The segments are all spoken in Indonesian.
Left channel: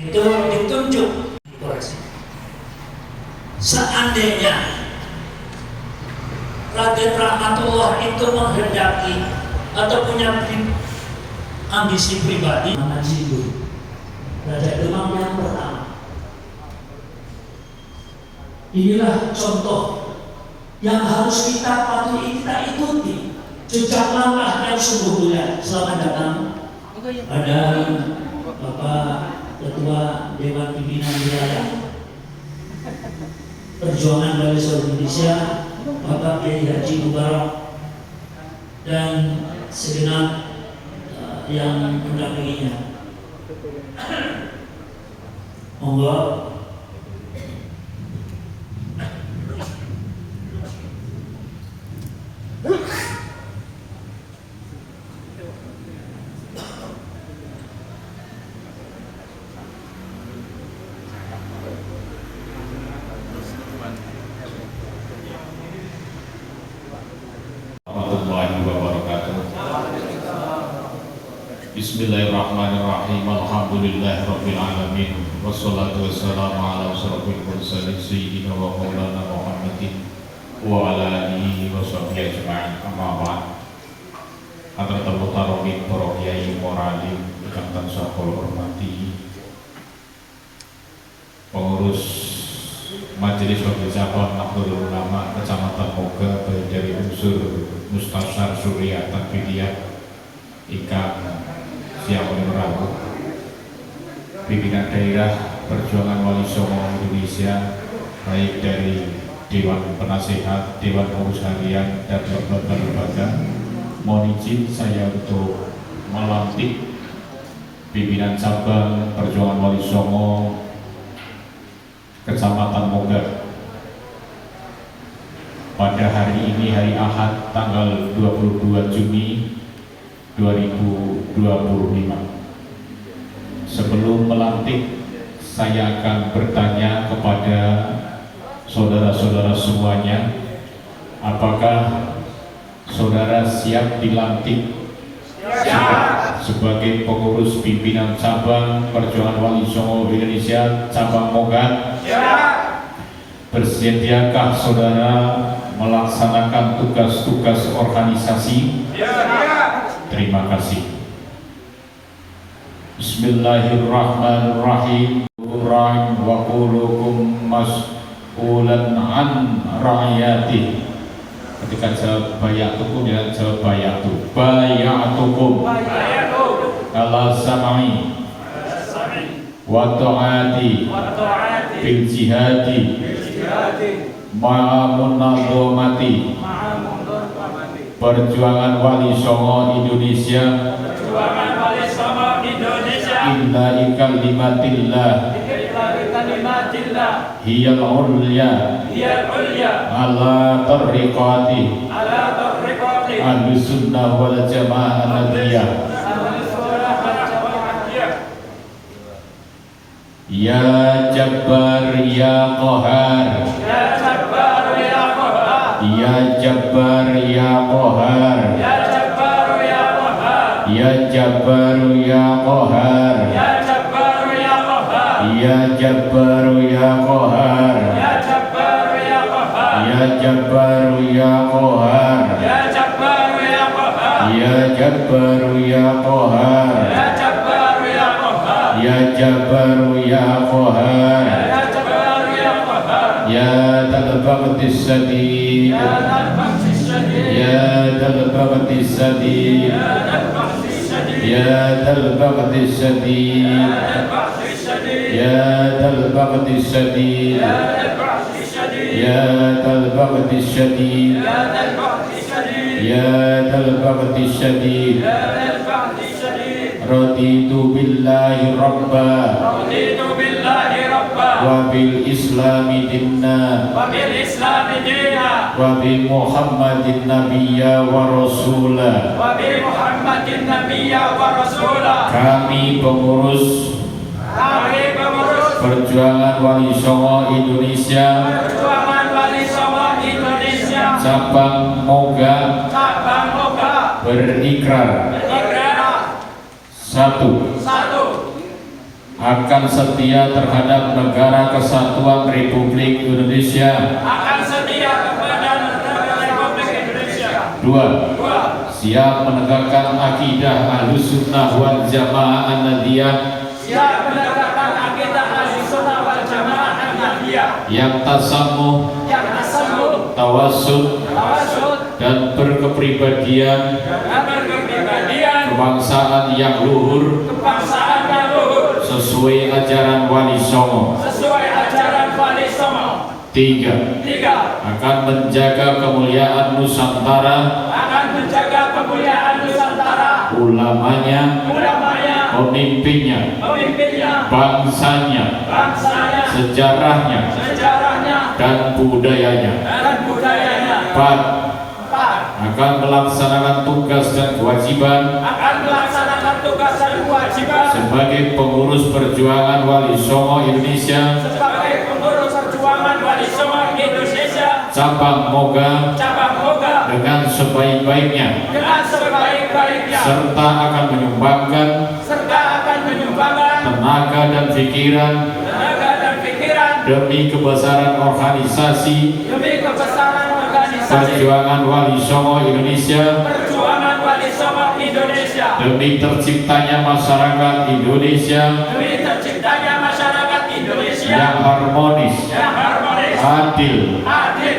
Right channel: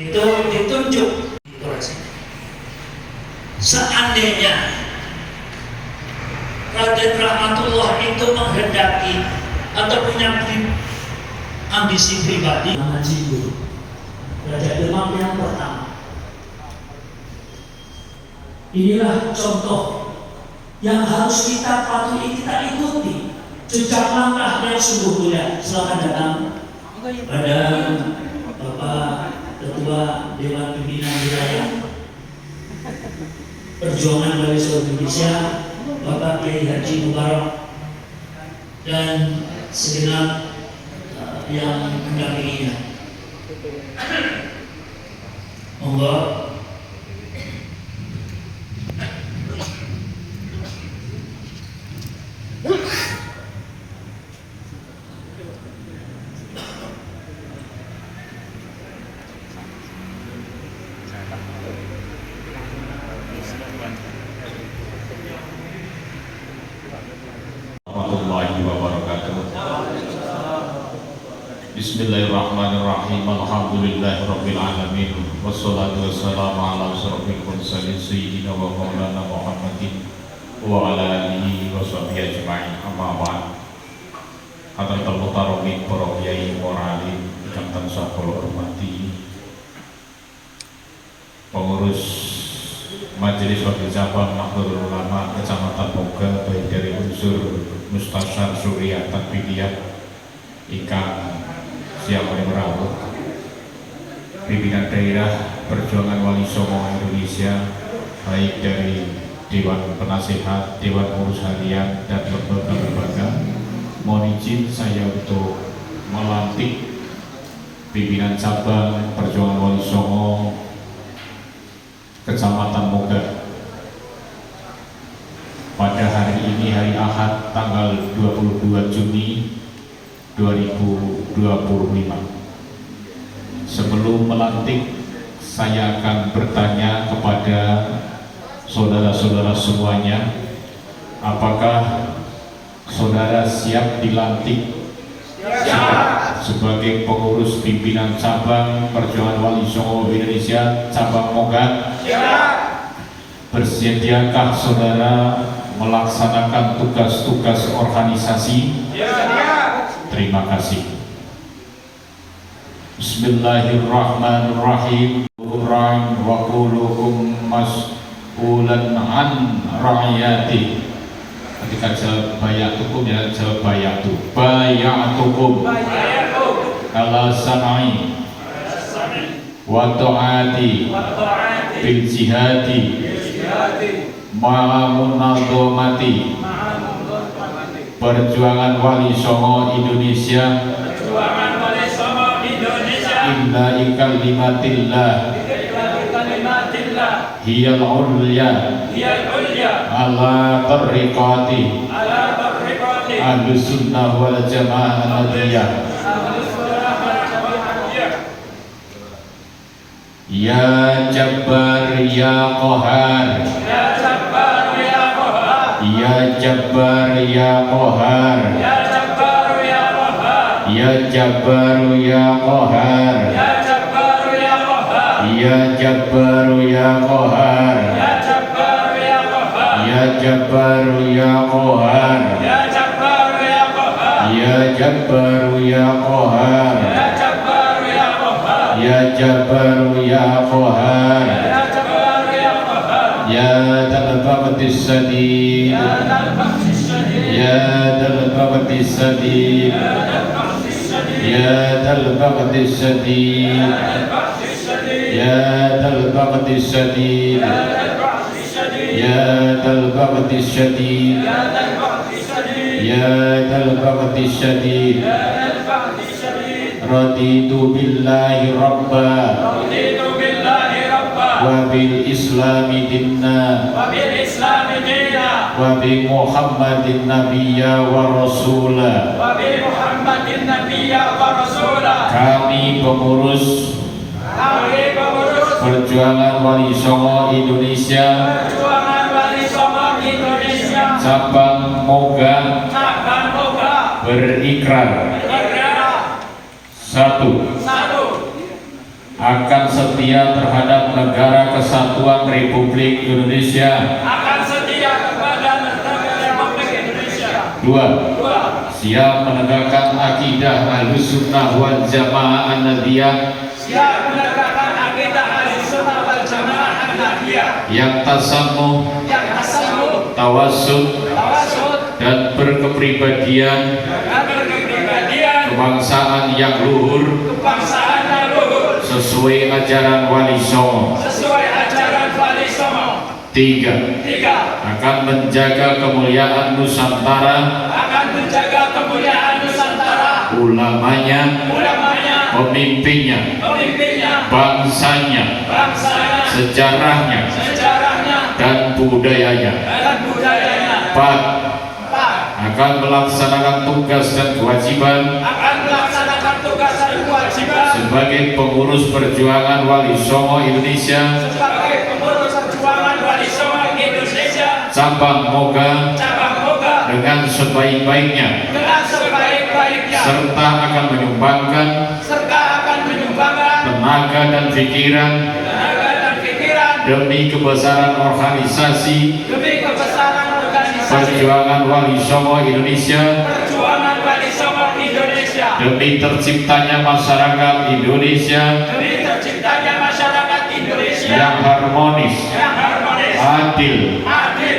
itu ditunjuk dikoreksi. Seandainya Raden Rahmatullah itu menghendaki atau punya ambisi pribadi, nama Jindu Raja Demang yang pertama. Inilah contoh yang harus kita patuhi, kita ikuti jejak langkah yang sungguh mulia. Selamat datang pada Bapak Ketua Dewan Pimpinan Wilayah Perjuangan dari seluruh Indonesia, Bapak Kiai Haji Mubarak, dan segenap yang mendampinginya. Monggo. Warahmatullahi wabarakatuh. Bismillahirrahmanirrahim. Alhamdulillahirabbil alamin. Wassalatu wassalamu ala asyrofil mursalin sayyidina wa maulana Muhammadin wa ala alihi wa sahbihi ajma'in. Amma ba'd. Hadratul mutaromin para kiai moralim ingkang tansah kula hormati, pengurus Majelis Wakil Cabang Nahdlatul Ulama Kecamatan Moga, baik dari unsur Mustasyar Surya Tanfidiyah ingkang siang merawuh, pimpinan daerah Perjuangan Wali Songo Indonesia, baik dari Dewan Penasehat, Dewan Pengurus Harian, dan lembaga-lembaga. Mohon izin saya untuk melantik pimpinan cabang Perjuangan Wali Songo Kecamatan Moga pada hari ini, hari Ahad, tanggal 22 Juni 2025. Sebelum melantik, saya akan bertanya kepada saudara-saudara semuanya, apakah saudara siap dilantik sebagai pengurus pimpinan cabang Perjuangan Wali Songo Indonesia cabang Moga? Bersediakah saudara melaksanakan tugas-tugas organisasi? Terima kasih. Bismillahirrahmanirrahim. Wa qulukum mas'ulan an ra'iyati. Ketika jawab bayatukum, ya jawab bayatu. Bayatukum ala sam'i wa ta'ati bil jihadi ma'amunadhomati Perjuangan Wali Songo Indonesia illa ikalimatillah hiyal ulya ala tariqati ahlus sunnah wal jamaah al-nadiyah. Ya Jabbar ya Qahar, ya Jabbar ya Qahar, ya Jabbar ya Qahar, ya Jabbar ya Qahar, ya Jabbar ya Qahar, ya Jabbar ya Qahar, ya Jabbar ya Qahar, ya Jabbar ya Qahar, ya Jabbar ya Qahar, ya Jabbar ya Qahar, ya Jabbar ya Qahar, ya Jabbar ya Qahar, ya Jabbar ya Qahar, ya Jabbar ya Qahar, ya Dal Baqtis Sadid, ya Dal Baqtis Sadid, ya Dal Baqtis Sadid, ya Dal Baqtis Sadid, ya Dal Baqtis Sadid, ya Dal Baqtis Sadid, ya Dal Baqtis Sadid. Raditu billahi rabba, raditu billahi rabba, wa bil islami dinna, wa bil islami dinna, wa bi Muhammadin nabiyya wa rasula, wa bi Muhammadin nabiyya wa rasula. Kami pengurus Perjuangan Wali Songo Indonesia, Perjuangan Wali Songo Indonesia cabang Moga, berikrar. Satu, akan setia terhadap Negara Kesatuan Republik Indonesia. Akan setia kepada negara Republik Indonesia. 2. Siap menegakkan akidah Ahlussunnah wal Jamaah An-Nahdliyah Siap menegakkan akidah Ahlussunnah wal Jamaah An-Nahdliyah yang tasamuh, tawassul, dan berkepribadian kebangsaan yang luhur sesuai ajaran Wali Songo. 3. Akan menjaga kemuliaan Nusantara, ulamanya, pemimpinnya, bangsanya, sejarahnya, dan budayanya. 4. Akan melaksanakan tugas dan kewajiban sebagai pengurus perjuangan Wali Songo Indonesia cabang Moga dengan sebaik-baiknya, serta akan menyumbangkan tenaga dan pikiran demi kebesaran organisasi perjuangan Wali Songo Indonesia, demi terciptanya masyarakat Indonesia yang harmonis, adil,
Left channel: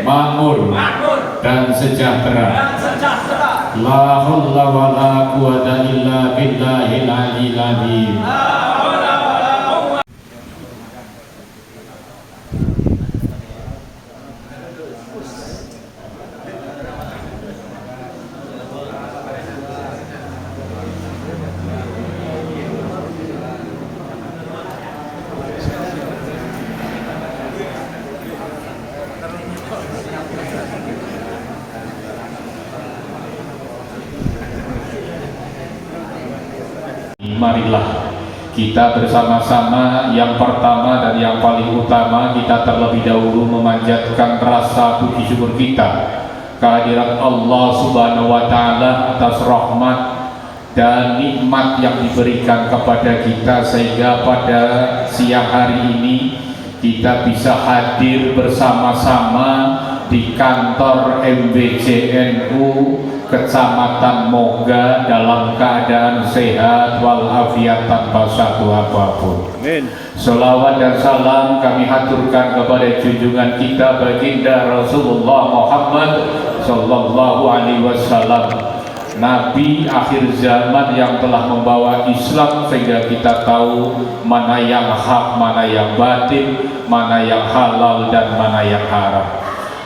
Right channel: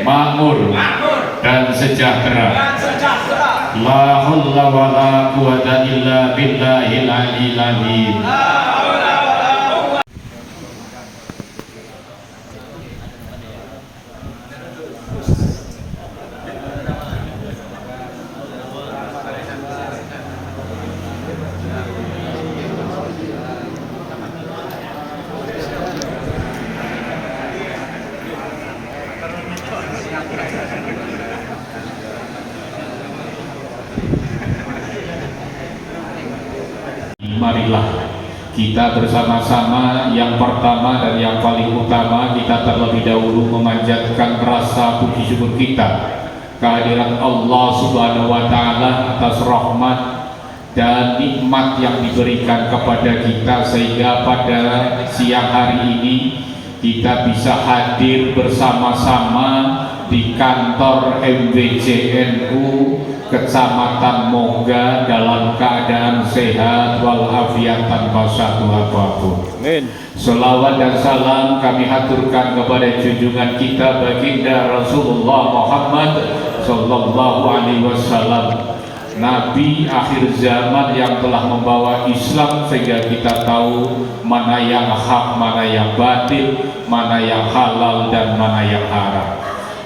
makmur, dan sejahtera. La haula wa la quwwata illa billahil aliyyil azim. Marilah kita bersama-sama, yang pertama dan yang paling utama, kita terlebih dahulu memanjatkan rasa puji syukur kita kehadirat Allah Subhanahu wa Ta'ala atas rahmat dan nikmat yang diberikan kepada kita, sehingga pada siang hari ini kita bisa hadir bersama-sama di kantor MBJNU Kecamatan Moga dalam keadaan sehat walafiat tanpa satu apapun. Amin. Selawat dan salam kami haturkan kepada junjungan kita baginda Rasulullah Muhammad Sallallahu Alaihi Wasallam, Nabi akhir zaman yang telah membawa Islam sehingga kita tahu mana yang hak, mana yang batil, mana yang halal dan mana yang haram.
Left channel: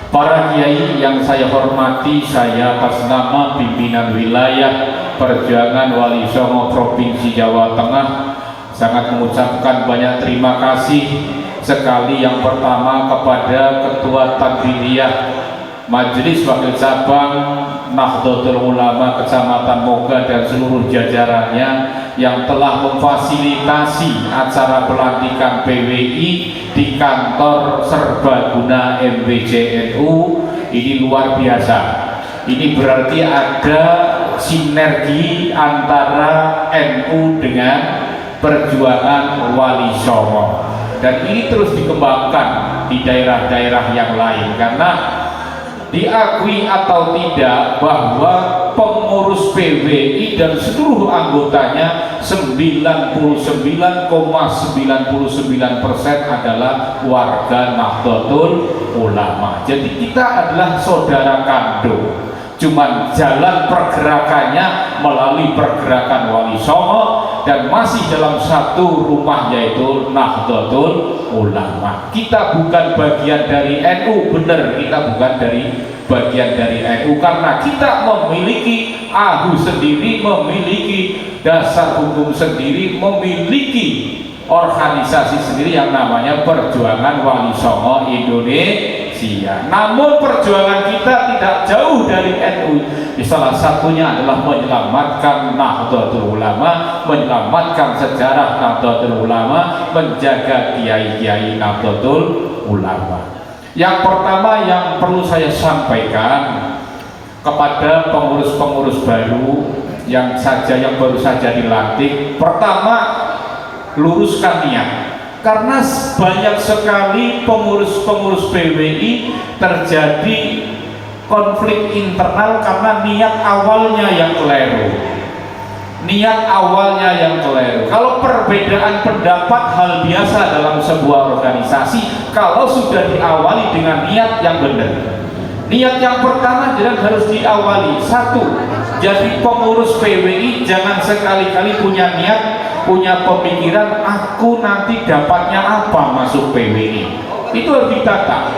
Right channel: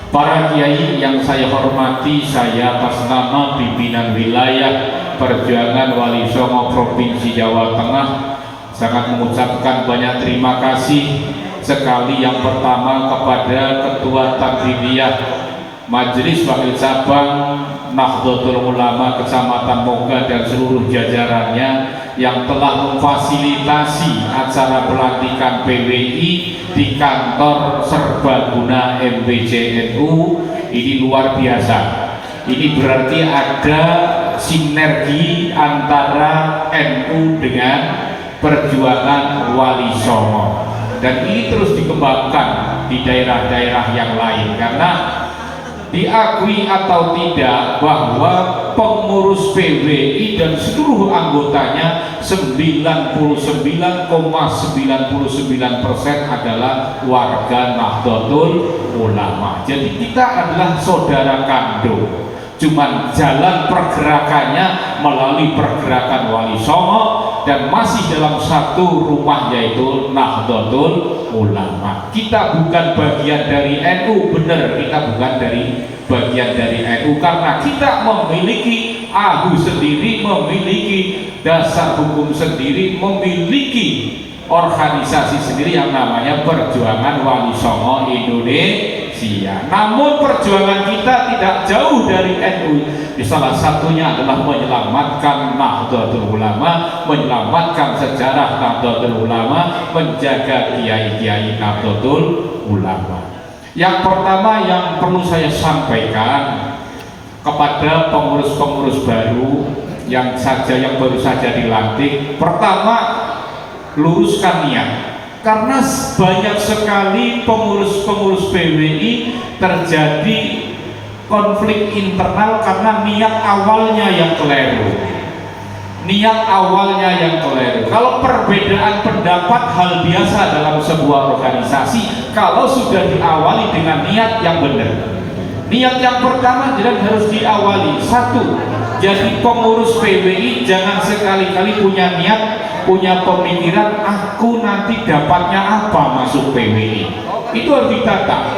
Para kiai yang saya hormati, saya atas nama pimpinan wilayah Perjuangan Wali Songo Provinsi Jawa Tengah sangat mengucapkan banyak terima kasih sekali. Yang pertama kepada Ketua Takbiriyah Majelis Wakil Cabang Nahdlatul Ulama Kecamatan Moga dan seluruh jajarannya yang telah memfasilitasi acara pelantikan PWI di kantor serbaguna MBJNU. Ini luar biasa. Ini berarti ada sinergi antara NU dengan perjuangan Wali Songo, dan ini terus dikembangkan di daerah-daerah yang lain, karena diakui atau tidak bahwa pengurus PWI dan seluruh anggotanya 99,99% adalah warga Nahdlatul Ulama. Jadi kita adalah saudara kandung, cuman jalan pergerakannya melalui pergerakan Wali Songo dan masih dalam satu rumah, yaitu Nahdlatul Ulama. Kita bukan bagian dari NU, benar, kita bukan bagian dari NU karena kita memiliki AHU sendiri, memiliki dasar hukum sendiri, memiliki organisasi sendiri yang namanya Perjuangan Wali Songo Indonesia. Namun perjuangan kita tidak jauh dari NU. Salah satunya adalah menyelamatkan Nahdlatul Ulama, menyelamatkan sejarah Nahdlatul Ulama, menjaga kiai-kiai Nahdlatul Ulama. Yang pertama yang perlu saya sampaikan kepada pengurus-pengurus baru yang baru saja dilantik, pertama, luruskan niat. Karena banyak sekali pengurus-pengurus PWI terjadi konflik internal karena niat awalnya yang keliru. Niat awalnya yang keliru. Kalau perbedaan pendapat hal biasa dalam sebuah organisasi kalau sudah diawali dengan niat yang benar. Niat yang pertama harus diawali. Satu, jadi pengurus PWI jangan sekali-kali punya niat, punya pemikiran aku nanti dapatnya apa masuk PWI. Itu harus ditata.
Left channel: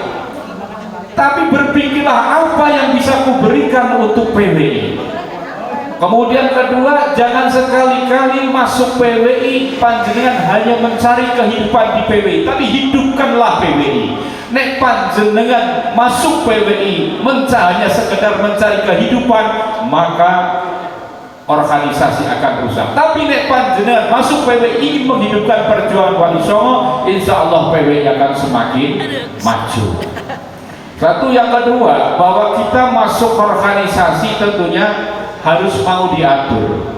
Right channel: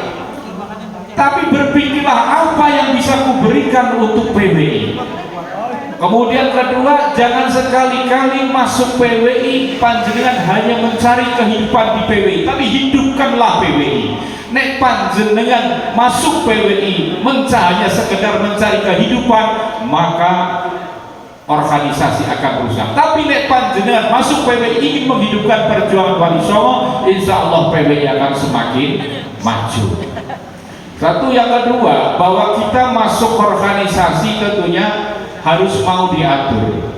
Tapi berpikirlah apa yang bisa kuberikan untuk PWI. Kemudian kedua, jangan sekali-kali masuk PWI panjenengan hanya mencari kehidupan di PWI, tapi hidupkanlah PWI. Nek panjenengan masuk PWI hanya sekedar mencari kehidupan, maka organisasi akan rusak. Tapi nek panjenengan masuk PWI ingin menghidupkan perjuangan Wali Songo, insya Allah PWI akan semakin maju. Satu, yang kedua, bahwa kita masuk organisasi tentunya harus mau diatur,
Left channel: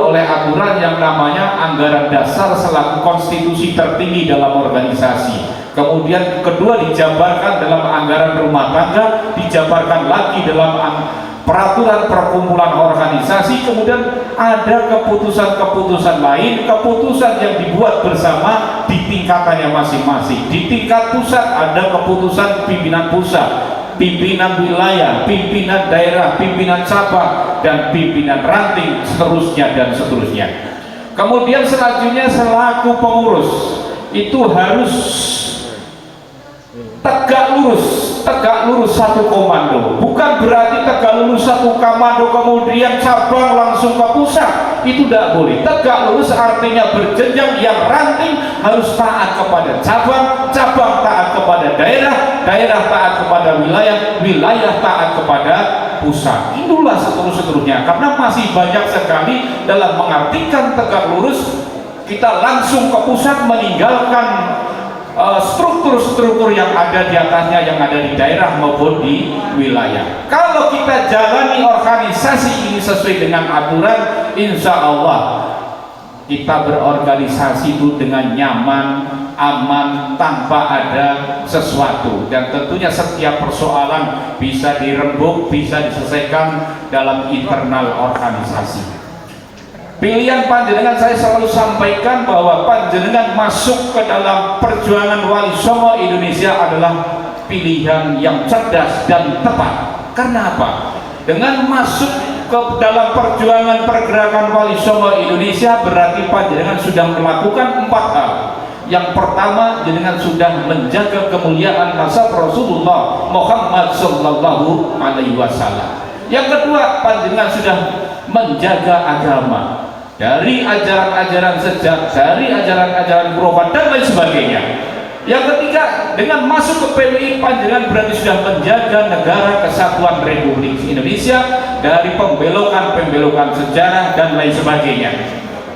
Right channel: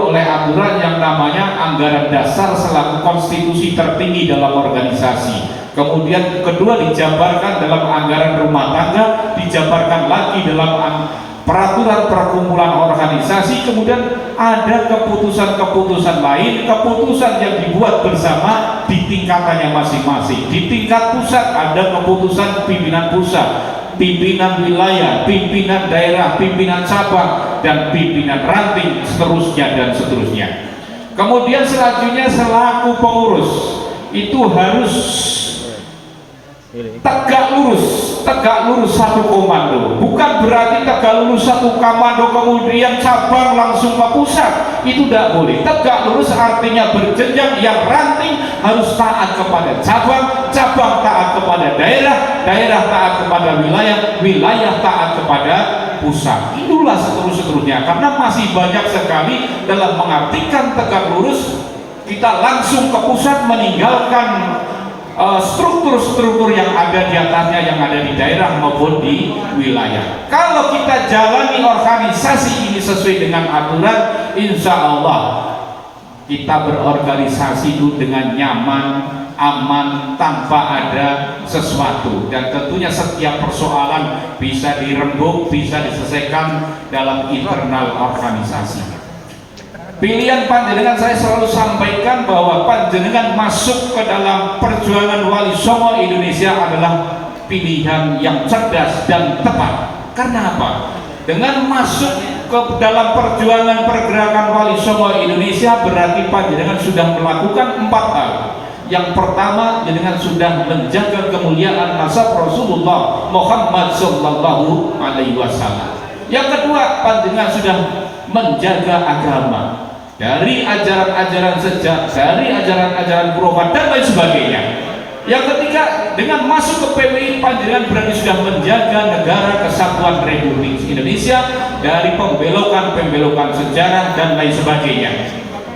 oleh aturan yang namanya anggaran dasar selaku konstitusi tertinggi dalam organisasi. Kemudian kedua, dijabarkan dalam anggaran rumah tangga, dijabarkan lagi dalam peraturan perkumpulan organisasi. Kemudian ada keputusan-keputusan lain, keputusan yang dibuat bersama di tingkatannya masing-masing. Di tingkat pusat ada keputusan pimpinan pusat, pimpinan wilayah, pimpinan daerah, pimpinan cabang, dan pimpinan ranting, seterusnya dan seterusnya. Kemudian selanjutnya selaku pengurus itu harus tegak lurus satu komando. Bukan berarti tegak lurus satu komando kemudian cabang langsung ke pusat, itu tidak boleh. Tegak lurus artinya berjenjang, yang ranting harus taat kepada cabang, cabang taat kepada daerah, daerah taat kepada wilayah, wilayah taat kepada pusat. Itulah seterusnya. Karena masih banyak sekali dalam mengartikan tegak lurus kita langsung ke pusat meninggalkan struktur-struktur yang ada di atasnya, yang ada di daerah maupun di wilayah. Kalau kita jalani organisasi ini sesuai dengan aturan, insya Allah kita berorganisasi itu dengan nyaman, aman, tanpa ada sesuatu. Dan tentunya setiap persoalan bisa dirembuk, bisa diselesaikan dalam internal organisasi. Pilihan panjenengan saya selalu sampaikan bahwa panjenengan masuk ke dalam perjuangan Wali Songo Indonesia adalah pilihan yang cerdas dan tepat. Karena apa? Dengan masuk ke dalam perjuangan pergerakan Wali Songo Indonesia berarti panjenengan sudah melakukan 4 hal. Yang pertama, panjenengan sudah menjaga kemuliaan nasab Rasulullah Muhammad Sallallahu Alaihi Wasallam. Yang kedua, panjenengan sudah menjaga agama dari ajaran-ajaran sejak, dari ajaran-ajaran khurafat dan lain sebagainya. Yang ketiga, dengan masuk ke PWI panjenengan berarti sudah menjaga negara kesatuan Republik Indonesia dari pembelokan-pembelokan sejarah dan lain sebagainya.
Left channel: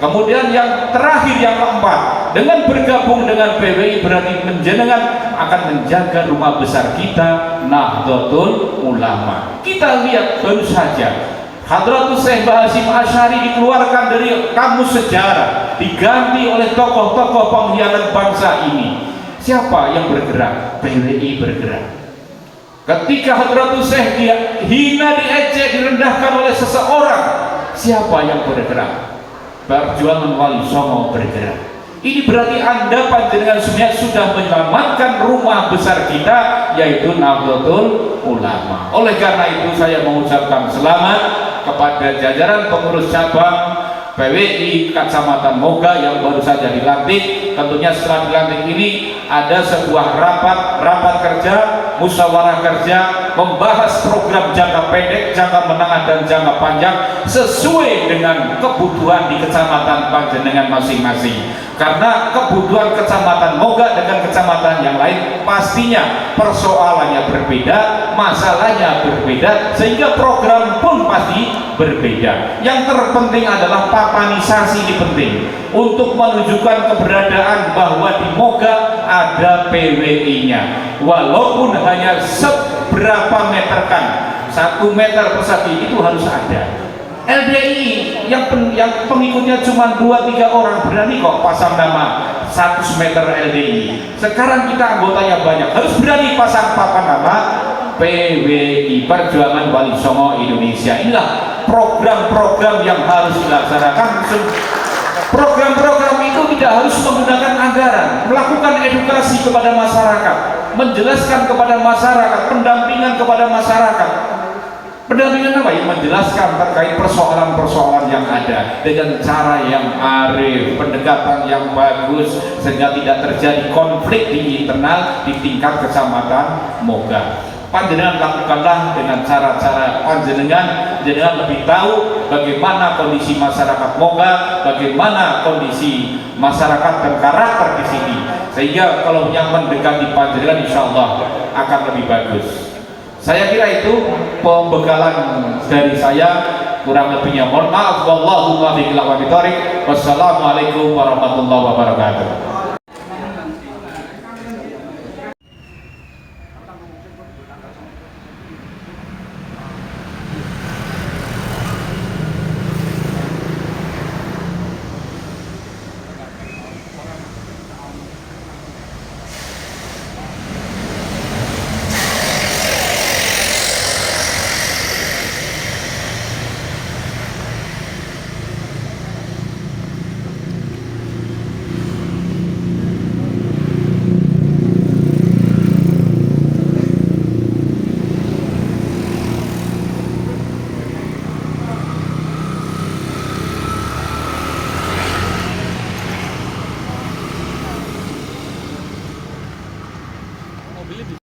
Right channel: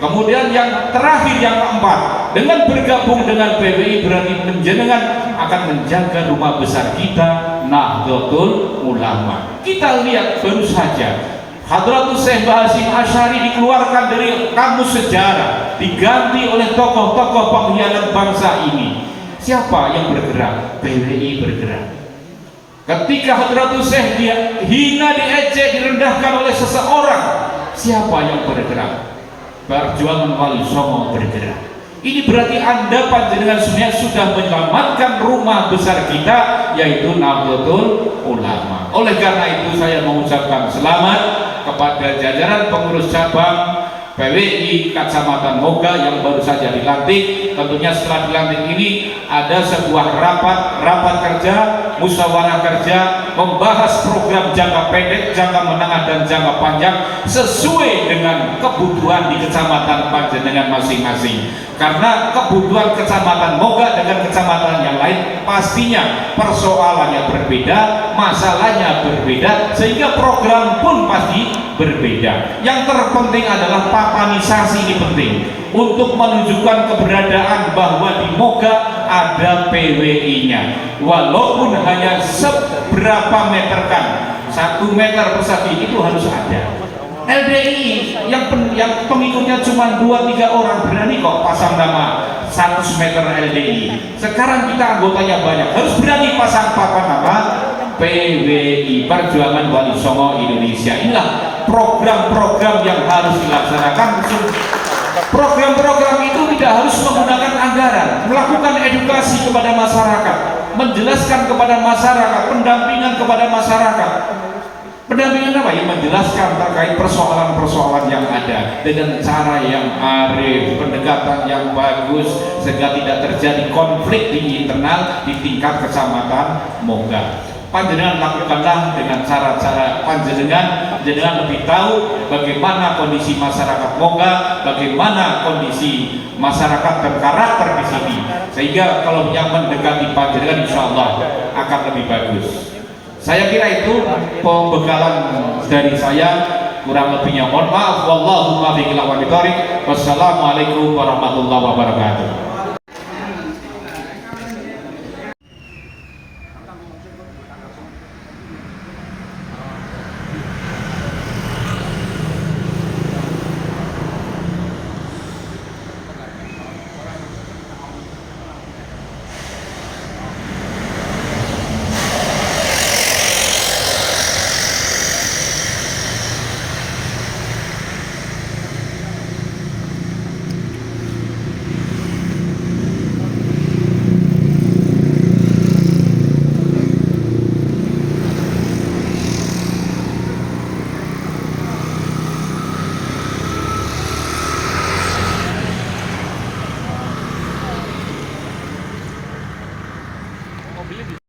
Kemudian yang terakhir, yang keempat, dengan bergabung dengan PWI berarti panjenengan akan menjaga rumah besar kita, Nahdlatul Ulama. Kita lihat baru saja Hadratus Syekh Hasyim Asy'ari dikeluarkan dari kamus sejarah, diganti oleh tokoh-tokoh pengkhianat bangsa ini. Siapa yang bergerak? PWI bergerak. Ketika Hadratus Syekh dihina, diejek, direndahkan oleh seseorang, siapa yang bergerak? Perjuangan Wali Songo bergerak. Ini berarti Anda panjenengan sebenarnya sudah menyelamatkan rumah besar kita, yaitu Nahdlatul Ulama. Oleh karena itu saya mengucapkan selamat kepada jajaran pengurus cabang PWI Kecamatan Moga yang baru saja dilantik. Tentunya setelah dilantik ini ada sebuah rapat kerja, musyawarah kerja, membahas program jangka pendek, jangka menengah dan jangka panjang sesuai dengan kebutuhan di kecamatan panjenengan masing-masing. Karena kebutuhan kecamatan Moga dengan kecamatan yang lain pastinya persoalannya berbeda, masalahnya berbeda, sehingga program pun pasti berbeda. Yang terpenting adalah papanisasi, ini penting untuk menunjukkan keberadaan bahwa di Moga ada PWI-nya, walaupun hanya seberapa meter kan, 1 meter persegi itu harus ada. LDI yang pengikutnya cuma 2-3 orang berani kok pasang nama 100 meter LDI. Sekarang kita anggotanya banyak, harus berani pasang papan nama PWI, Perjuangan Wali Songo Indonesia. Inilah program-program yang harus dilaksanakan. Program-program itu tidak harus menggunakan anggaran, melakukan edukasi kepada masyarakat, menjelaskan kepada masyarakat, pendampingan kepada masyarakat. Pendampingan apa? Yang menjelaskan terkait persoalan-persoalan yang ada dengan cara yang arif, pendekatan yang bagus, sehingga tidak terjadi konflik di internal di tingkat kecamatan Moga. Panjenengan lakukanlah dengan cara-cara panjenengan lebih tahu bagaimana kondisi masyarakat Moga, bagaimana kondisi masyarakat dan karakter di sini, sehingga kalau yang mendekati panjenengan insya Allah akan lebih bagus. Saya kira itu pembekalan dari saya, kurang lebihnya mohon maaf. Wallahumma biqil wa bitariq. Wassalamualaikum warahmatullahi wabarakatuh.